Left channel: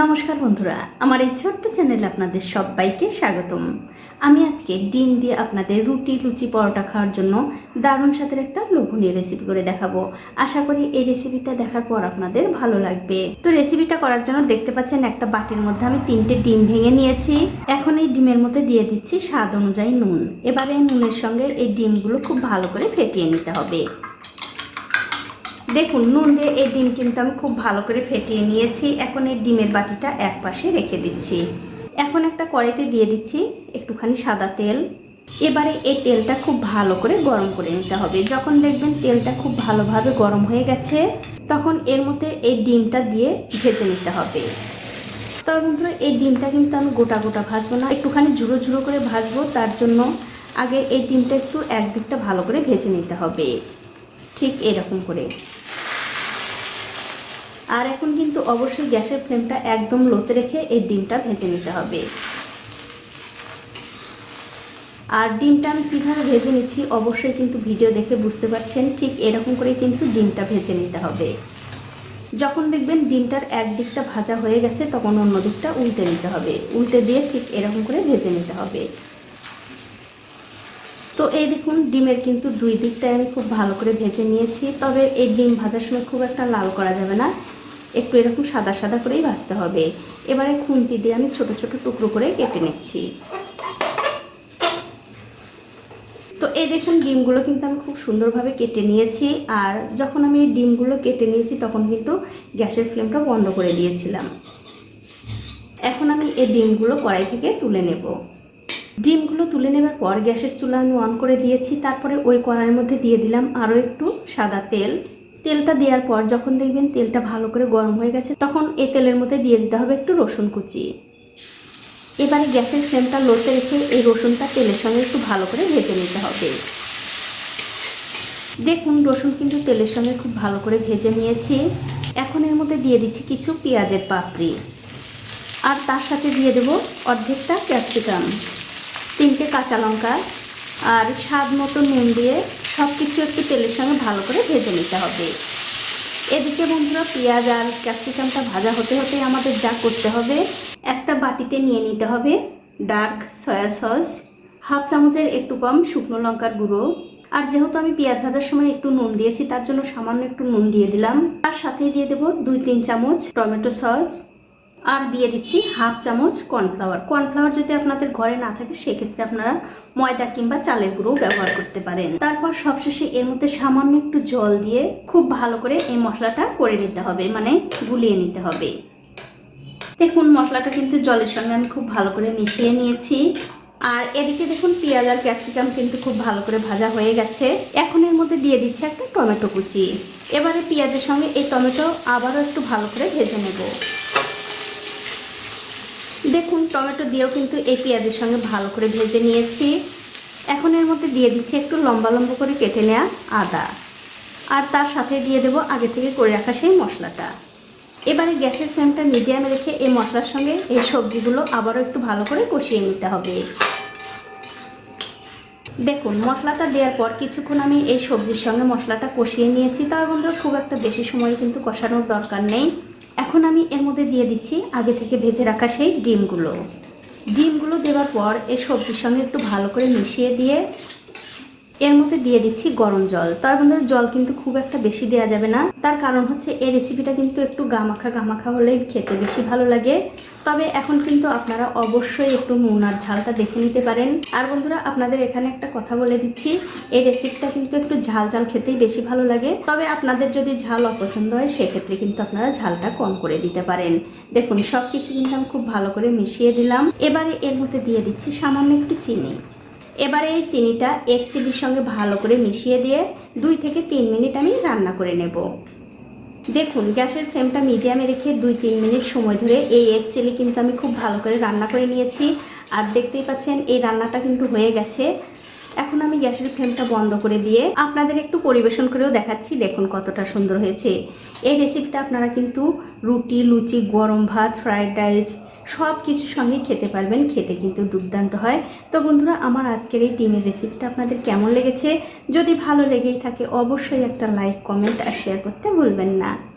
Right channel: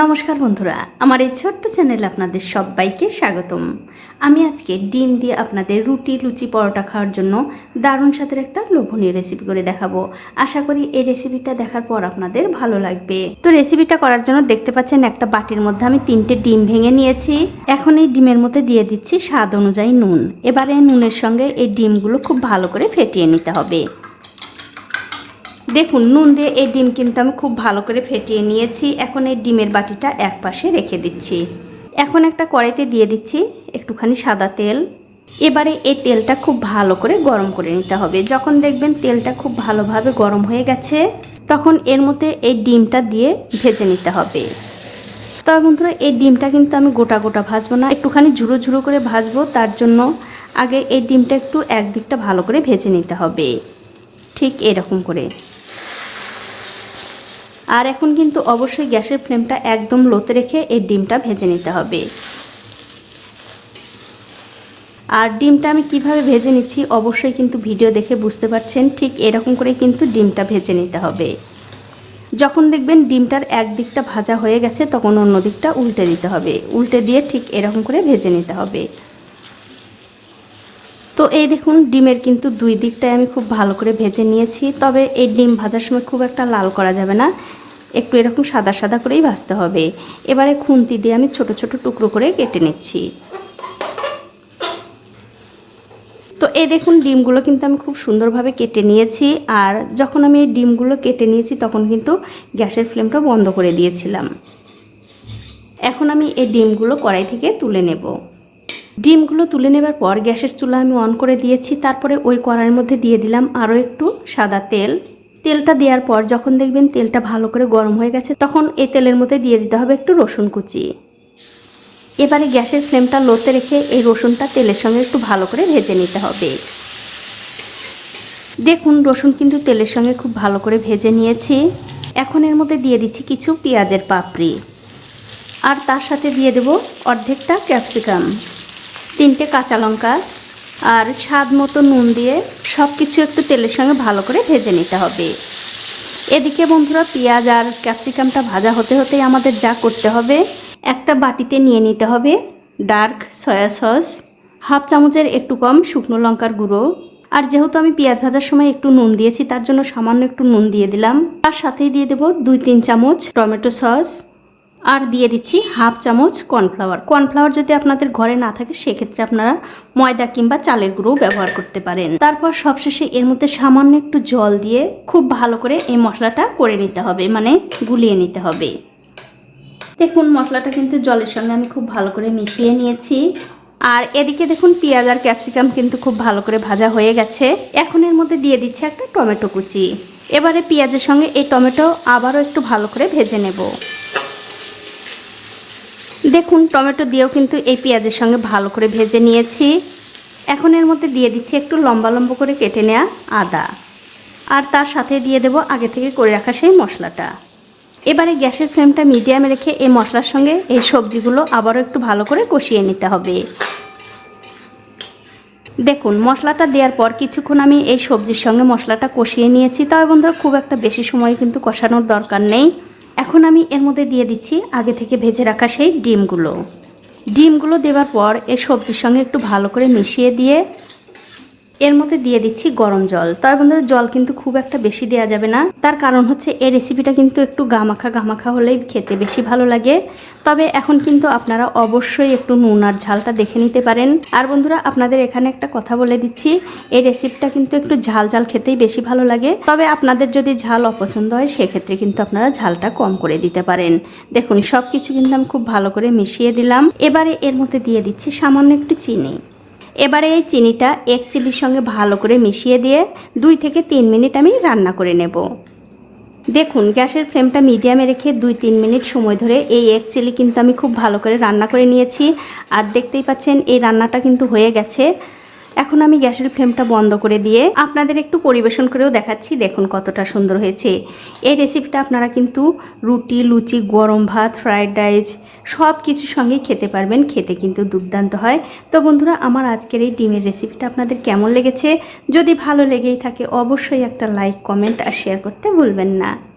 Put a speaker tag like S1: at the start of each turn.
S1: নমস্কার বন্ধুরা, আমার এই ছোট্ট চ্যানেলে আপনাদের সবাইকে স্বাগতম। আমি আজকে ডিম দিয়ে আপনাদের রুটি, লুচি, পরোটা খাওয়ার জন্য দারুণ স্বাদের একটা লোভনীয় রেসিপি করে দেখাবো। আশা করি এই রেসিপিটা দেখার পর আপনাদের ভালো লাগবে। তো রেসিপিটা করার জন্য দেখতে পাচ্ছেন একটা বাটির মধ্যে আমি তিনটে ডিম ভেঙে নিয়েছি। এখন এই ডিমের মধ্যে দিয়ে দিচ্ছি স্বাদ অনুযায়ী নুন। এবারে নুনের সঙ্গে এই ডিমগুলো খুব ভালো করে ফেটিয়ে নিতে হবে। দেখুন, নুন দিয়ে এই ডিম কিন্তু আমি খুব ভালো করে ফেটিয়ে নিয়েছি। এখন এই ডিমের বাটিটা এক পাশে রেখে দিচ্ছি। এখন একটা কড়াইতে দিয়ে দিচ্ছি একটুখানি সাদা তেল। এবারে এই তেলটা খুব ভালো করে গরম করে নিতে হবে। যখন দেখবেন তেলটা খুব ভালোভাবে গরম হয়ে গেছে, তখন এর মধ্যে এই ডিমটা দিয়ে ভেজে নিতে হবে। তবে বন্ধুরা, এই ডিমটা কিন্তু আমি গোটা গোটা ভাজবো না, একটুখানি ঝুড়ো ঝুড়ো করে ভাজবো। তার জন্য আগে এই ডিমটা একটু একদিকটা ভালো করে ভেজে নিতে হবে। ঠিক এরকম করে। আর এখন কিন্তু অবশ্যই গ্যাসের ফ্লেমটা একদম লোতে রেখে এই ডিমটা ভেজে নিতে হবে। আর ডিমটা আমি কীভাবে ভেজে নিচ্ছি অবশ্যই কিন্তু ভিডিও দেখে বুঝতে পারছেন, ঠিক এরকম করে কিন্তু ডিমটা ভেজে নিতে হবে। যখন দেখবেন ডিমটার এক দিকটা ভাজা হয়ে গেছে, তখন অন্য দিকটা উল্টে দিতে হবে। উল্টে দিয়ে ঠিক এরকম করে ভেজে নিতে হবে। তো এই দেখুন, ডিমের কিন্তু দুই দিকটাই আমি খুব ভালো করে ভেজে নিয়েছি। তবে এই ডিম ভাজার সময় খুব একটা লাল করা যাবে না। একটু এরকম সাদা সাদা করেই ভাজতে হবে। এবারে খুন্তি দিয়ে আমি ছোট ছোট টুকরো করে কেটে নিচ্ছি। তো এই দেখুন, ডিমগুলো কিন্তু আমি খুব সুন্দরভাবে কেটে নিয়েছি। আর যখন আমি এই ডিমগুলো কেটে নিয়েছি, তখন কিন্তু গ্যাসের ফ্লেমটা বন্ধ করে দিয়েছিলাম। এখন আমি এই ডিমগুলো কড়াই থেকে তুলে নেব। ডিমগুলো তুলে নেবার পর গ্যাসের চুলা আমি অন করে দিয়েছি। তারপরে ওই কড়াইয়ের মধ্যে দিয়ে দিলাম আরও একটু সাদা তেল। তেলটা দেওয়ার পর যখন দেখবেন তেলটা ভালো করে গরম হয়ে গেছে, তখন এই তেলের মধ্যে দিয়ে দিতে হবে একটু রসুন কুচি। এবারে গ্যাসের ফ্লেমটা লোতে রেখে এই রসুনটা তেলের সঙ্গে একটু ভালো করে ভেজে নিতে হবে। দেখুন, রসুন কিন্তু তেলের সঙ্গে খুব ভালো করে ভেজে নিয়েছি। এখন এর মধ্যে দিয়ে দিচ্ছি কিছু পেঁয়াজের পাপড়ি। আর তার সাথে দিয়ে দেব অর্ধেকটা ক্যাপসিকাম। তিনটে কাঁচা লঙ্কা আর স্বাদ মতো নুন দিয়ে সব কিছু একটু তেলের সঙ্গে ভালো করে ভেজে নিতে হবে। এদিকে বন্ধুরা, পেঁয়াজ আর ক্যাপসিকামটা ভাজা হতে হতেই আমাদের যা করতে হবে, একটা বাটিতে নিয়ে নিতে হবে ডার্ক সয়া সস, হাফ চামচের একটু কম শুকনো লঙ্কার গুঁড়ো। আর যেহেতু আমি পেঁয়াজ ভাজার সময় একটু নুন দিয়েছি, তার জন্য সামান্য একটু নুন দিয়ে দিলাম। তার সাথেই দিয়ে দেবো দুই তিন চামচ টমেটো সস। আর দিয়ে দিচ্ছি হাফ চামচ কর্নফ্লাওয়ার। কর্নফ্লাওয়ার যদি আপনাদের ঘরে না থাকে, সেক্ষেত্রে আপনারা ময়দা কিংবা চালের গুঁড়ো ব্যবহার করতে পারেন। তারপর সবশেষে এর মধ্যে সামান্য একটু জল দিয়ে খুব ভালো করে এই মশলাটা করে নিতে হবে মানে গুলিয়ে নিতে হবে। দেখুন, মশলাটা কিন্তু জলের সঙ্গে আমি খুব ভালো করে মিশিয়ে নিয়েছি। আর এদিকে দেখুন, পেঁয়াজ আর ক্যাপসিকাম কিন্তু খুব ভালো করে ভাজা হয়ে গেছে। এখন এর মধ্যে দিয়ে দিচ্ছে একটা টমেটো কুচি। এবারে পেঁয়াজের সঙ্গে এই টমেটো আবারও একটু ভালো করে ভেজে নেব। দেখুন, টমেটো দিয়েও কিন্তু এই পেঁয়াজের সঙ্গে ভালো করে ভেজে নিয়েছি। এখন এর মধ্যে দিয়ে দিচ্ছি একটু লম্বা লম্বা করে কেটে নেওয়া আদা। আর তার সাথে দিয়ে দেব আগে থেকে করে রাখা সেই মশলাটা। এবারে গ্যাসের ফ্লেমটা মিডিয়ামে রেখে এই মশলার সঙ্গে এই সবজিগুলো আবারও একটু ভালো করে কষিয়ে নিতে হবে। দেখুন, মশলাটা দেওয়ার পর কিছুক্ষণ আমি এই সবজির সঙ্গে মশলাটা কষিয়ে নিয়েছি। তবে বন্ধুরা, খুব একটা বেশি সময় কিন্তু কষানোর দরকার নেই। এখন আমি এর মধ্যে দিয়ে দিচ্ছি আগে থেকে ভেজে রাখা সেই ডিমগুলো। ডিমগুলো দেওয়ার পর এই সবজির সঙ্গে একটু ভালো করে মিশিয়ে দিয়ে এর মধ্যে দিয়ে দিচ্ছি গরম জল। তার বন্ধুরা জল কিন্তু খুব একটা বেশি দেওয়া যাবে না। তার কারণ হচ্ছে এই রেসিপিটা কিন্তু একটু গামাখা গামাখা হলেই খেতে বেশি ভালো লাগে। তবে এখন কিন্তু আপনারা অবশ্যই একটু নুন আর ঝালটা দেখে নিতে পারেন। আর বন্ধুরা, আপনাদের এখানে একটা কথা বলে দিচ্ছি, এই রেসিপিটা কিন্তু একটু ঝাল ঝাল খেতেই বেশি ভালো লাগে। তবে আপনাদের যদি ঝাল অপছন্দ হয়, সেক্ষেত্রে কিন্তু আপনারা ঝালটা কম করে দিতে পারেন। দেখুন সব কিছু কিন্তু আমি খুব ভালো করে মিশিয়ে দিলাম। এবারে এর মধ্যে দিয়ে দিচ্ছি সামান্য একটু চিনি। এবারে এই চিনিটা এক চিলির সঙ্গে ভালো করে মিশিয়ে দিয়ে দুই থেকে তিন মিনিট আমি রান্না করে নেব। দেখুন, গ্যাসের ফ্লেমটা মিডিয়ামে রেখে দুই তিন মিনিট সময় ধরে এই এক চিলি কিন্তু আমি খুব ভালো করে রান্না করে নিয়েছি। আর দেখতেই পাচ্ছেন, এই রান্নাটা কিন্তু হয়ে গেছে। এখন আমি গ্যাসের ফ্লেমটা বন্ধ করে দিয়ে আপনাদের একটু পরিবেশন করেও দেখাচ্ছি। দেখুন কতটা সুন্দর হয়েছে। এই রেসিপিটা আপনারা কিন্তু রুটি, লুচি, গরম ভাত ফ্রায়েড রাইস সব কিছুর সঙ্গেই খেতে পারবেন। খেতে কিন্তু দুর্দান্ত হয়। তো বন্ধুরা, আমার আজকের এই ডিমের রেসিপিটা আপনাদের কেমন লেগেছে? যদি ভালো লেগেই থাকে, অবশ্যই একটা লাইক কমেন্ট আর শেয়ার করতে ভুলবেন না।